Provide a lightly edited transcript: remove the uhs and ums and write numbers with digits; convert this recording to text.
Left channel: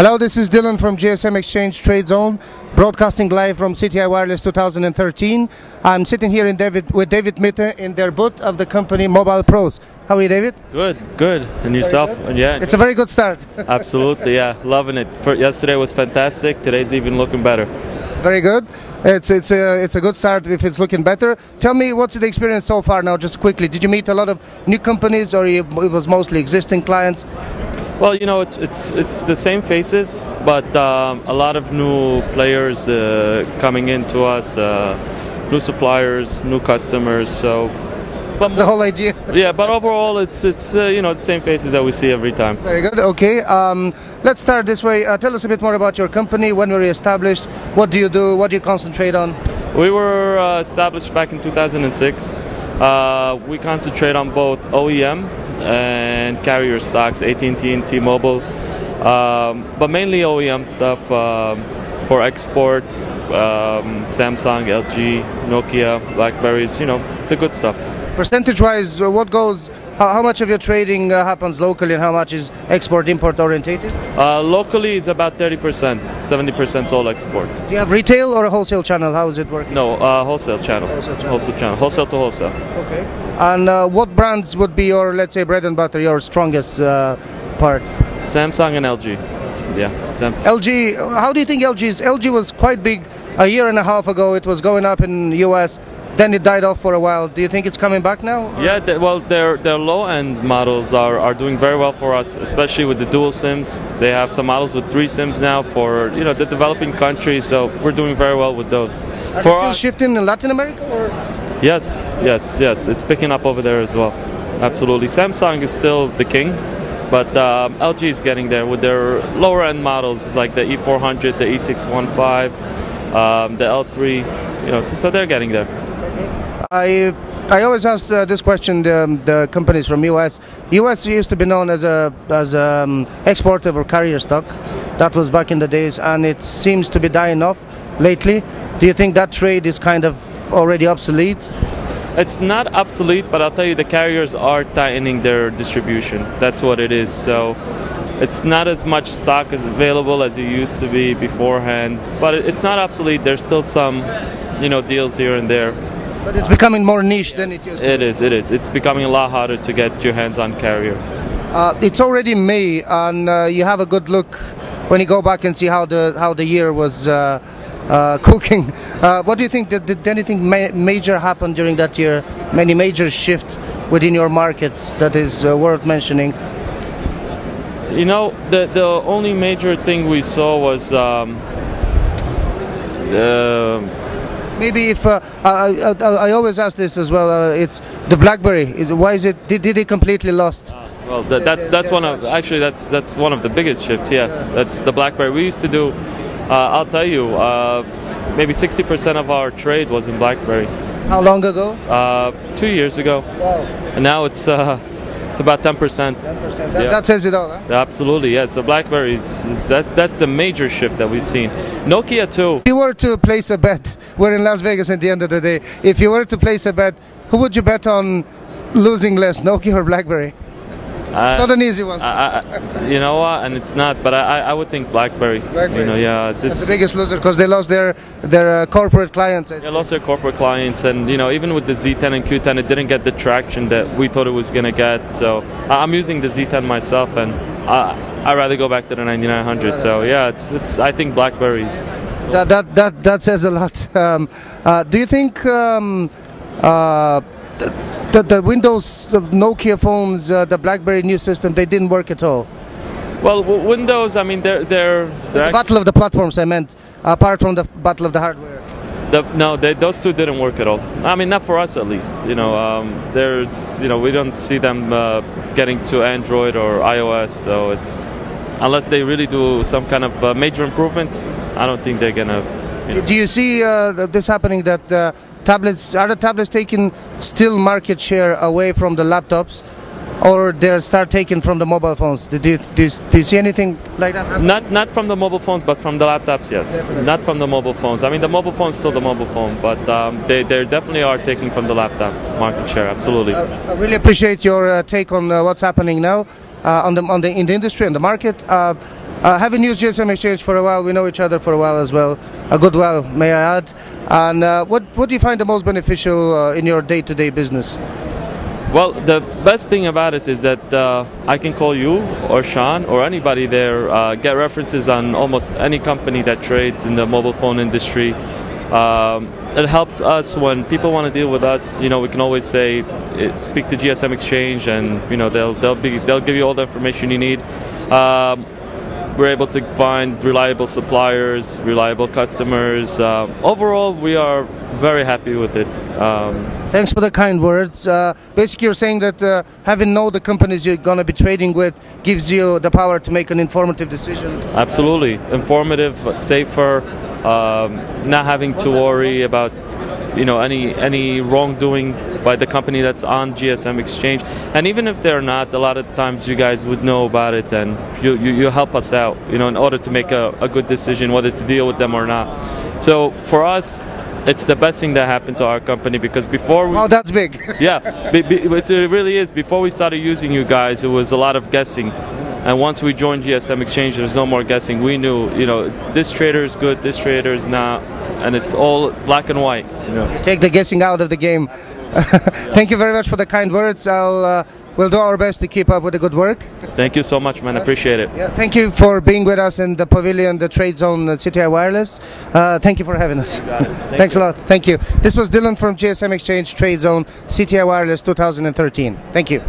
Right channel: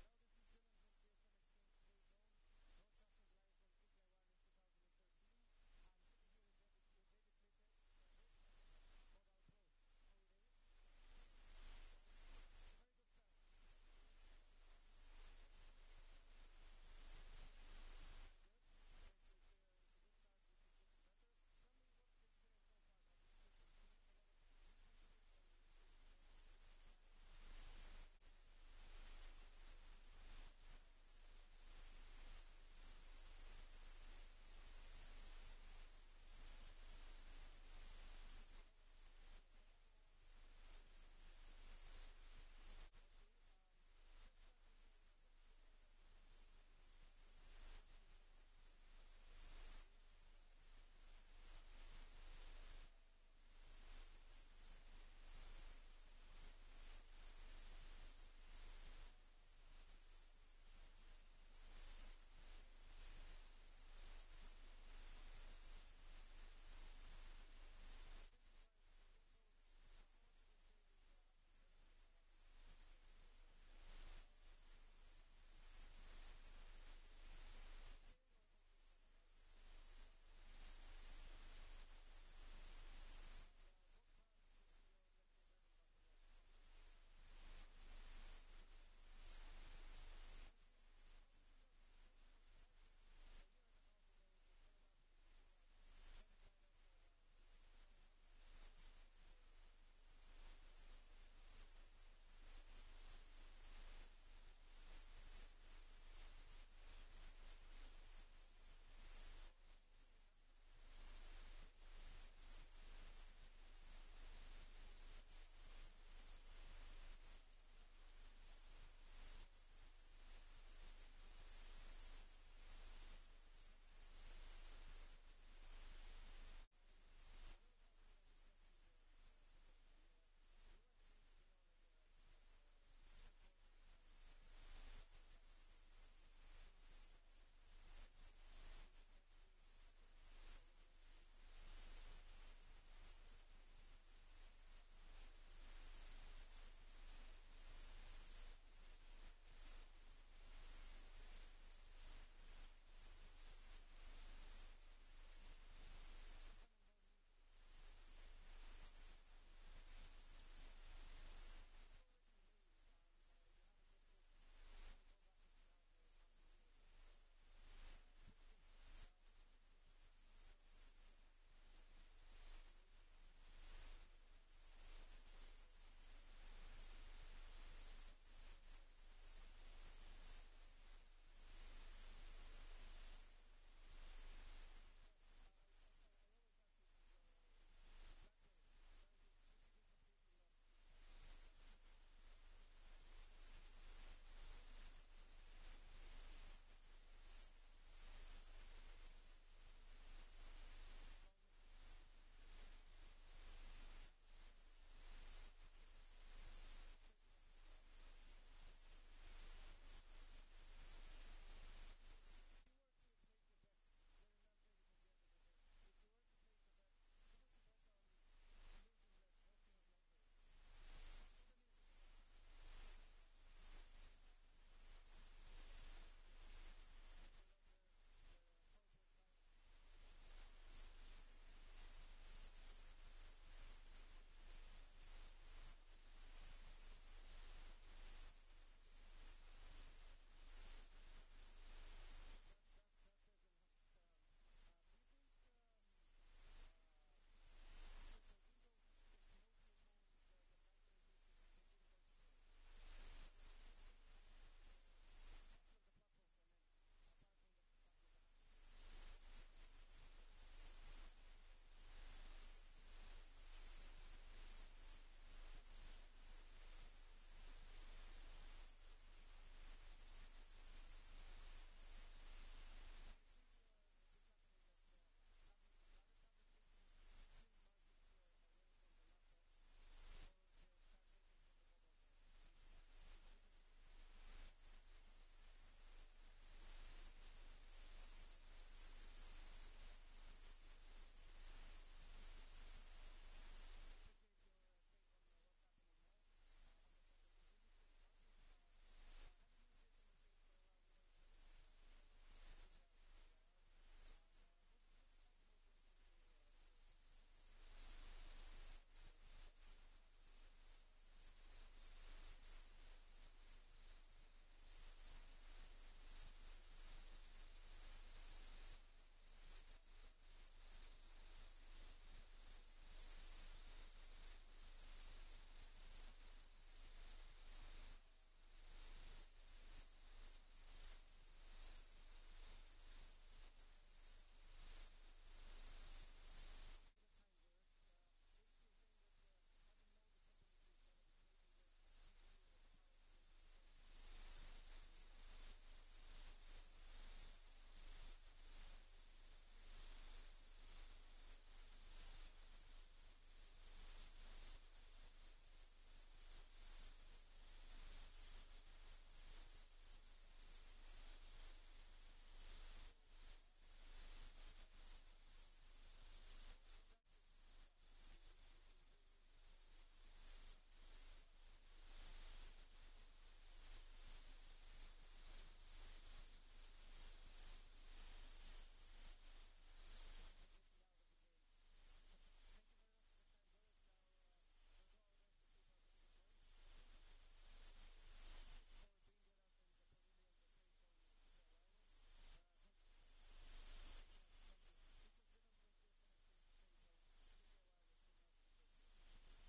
Hello, this is Dilyan from gsmExchange tradeZone, broadcasting live from CTIA Wireless 2013. I'm sitting here with David Mita in their booth of the company Mobile Pros. How are you, David? Good, good. And yourself? Yeah, it's a very good start. Absolutely, yeah, loving it. Yesterday was fantastic. Today's even looking better. Very good. It's a good start if it's looking better. Tell me, what's the experience so far now, just quickly? Did you meet a lot of new companies, or it was mostly existing clients? Well, you know, it's the same faces, but a lot of new players coming into us, new suppliers, new customers. So, that's the whole idea. Yeah, but overall, it's you know, the same faces that we see every time. Very good. Okay, let's start this way. Tell us a bit more about your company. When were you established? What do you do? What do you concentrate on? We were established back in 2006. We concentrate on both OEM and carrier stocks, AT&T and T-Mobile, but mainly OEM stuff for export, Samsung, LG, Nokia, Blackberries, you know, the good stuff. Percentage-wise, what goes? How much of your trading happens locally, and how much is export-import orientated? Locally, it's about 30%. 70% is all export. Do you have retail or a wholesale channel? How is it working? No, wholesale channel. Wholesale channel. Wholesale to wholesale. Okay. And what brands would be your, let's say, bread and butter, your strongest part? Samsung and LG. Yeah, Samsung. LG. How do you think LG was quite big a year and a half ago. It was going up in the US. Then it died off for a while. Do you think it's coming back now? Or? Yeah, well, their low-end models are doing very well for us, especially with the dual SIMs. They have some models with 3 SIMs now for, you know, the developing countries. So we're doing very well with those. Are they still shifting in Latin America, or? Yes. It's picking up over there as well. Absolutely. Samsung is still the king, but LG is getting there with their lower-end models like the E400, the E615, the L3. You know, so they're getting there. I always ask this question the companies from US. US used to be known as a exporter or carrier stock. That was back in the days, and it seems to be dying off lately. Do you think that trade is kind of already obsolete? It's not obsolete, but I'll tell you, the carriers are tightening their distribution. That's what it is. So it's not as much stock as available as it used to be beforehand, but it's not obsolete. There's still some, you know, deals here and there. But it's becoming more niche than it used to be. It is. It's becoming a lot harder to get your hands on carrier. It's already May, and you have a good look when you go back and see how the year was cooking. What do you think? Did anything major happen during that year? Any major shift within your market that is worth mentioning? You know, the only major thing we saw was maybe if I always ask this as well, it's the BlackBerry. Why is it? Did it completely lost? Well, that's one of that's one of the biggest shifts. Yeah, that's the BlackBerry. We used to do. I'll tell you, maybe 60% of our trade was in BlackBerry. How long ago? 2 years ago. Wow. And now it's about 10%. 10%. That says it all, huh? Absolutely, yeah. So BlackBerry that's the major shift that we've seen. Nokia too. If you were to place a bet, we're in Las Vegas at the end of the day. If you were to place a bet, who would you bet on losing less, Nokia or BlackBerry? It's not an easy one. You know what? And it's not, but I would think BlackBerry. You know, yeah. That's the biggest loser because they lost their corporate clients. They lost their corporate clients, and you know, even with the Z10 and Q10, it didn't get the traction that we thought it was gonna get. So I'm using the Z10 myself, and I'd rather go back to the 9900. So yeah, it's I think BlackBerry's. That says a lot. Do you think? The Windows, the Nokia phones, the BlackBerry new system, they didn't work at all. Well, Windows, I mean, they're the battle of the platforms, I meant, apart from the battle of the hardware. No, those two didn't work at all. I mean, not for us at least. You know, you know, we don't see them getting to Android or iOS. So it's unless they really do some kind of major improvements, I don't think they're gonna. You know. Do you see this happening, that tablets, are the tablets taking still market share away from the laptops, or they'll start taking from the mobile phones? Do you see anything like that happening? Not from the mobile phones, but from the laptops, yes. Definitely. Not from the mobile phones. I mean, the mobile phone's still the mobile phone, but they definitely are taking from the laptop market share, absolutely. I really appreciate your take on what's happening now in the industry and the market. Having used gsmExchange for a while, we know each other for a while as well, a good while, may I add. And what do you find the most beneficial in your day-to-day business? Well, the best thing about it is that I can call you or Sean or anybody there, get references on almost any company that trades in the mobile phone industry. It helps us when people want to deal with us. You know, we can always say, speak to gsmExchange, and you know they'll give you all the information you need. We're able to find reliable suppliers, reliable customers. Overall, we are very happy with it. Thanks for the kind words. Basically, you're saying that having know the companies you're going to be trading with gives you the power to make an informative decision. Absolutely. Informative, safer, not having to worry about any wrongdoing by the company that's on gsmExchange. And even if they're not, a lot of times you guys would know about it, and you help us out, in order to make a good decision whether to deal with them or not. So for us, it's the best thing that happened to our company, because before we... Oh, that's big. Yeah, it really is. Before we started using you guys, it was a lot of guessing. And once we joined gsmExchange, there's no more guessing. We knew, this trader is good, this trader is not, and it's all black and white. Take the guessing out of the game. Thank you very much for the kind words. We'll do our best to keep up with the good work. Thank you so much, man. I appreciate it. Yeah, thank you for being with us in the pavilion, the tradeZone CTIA Wireless. Thank you for having us. Thanks a lot. Thank you. This was Dylan from gsmExchange, tradeZone CTIA Wireless 2013. Thank you.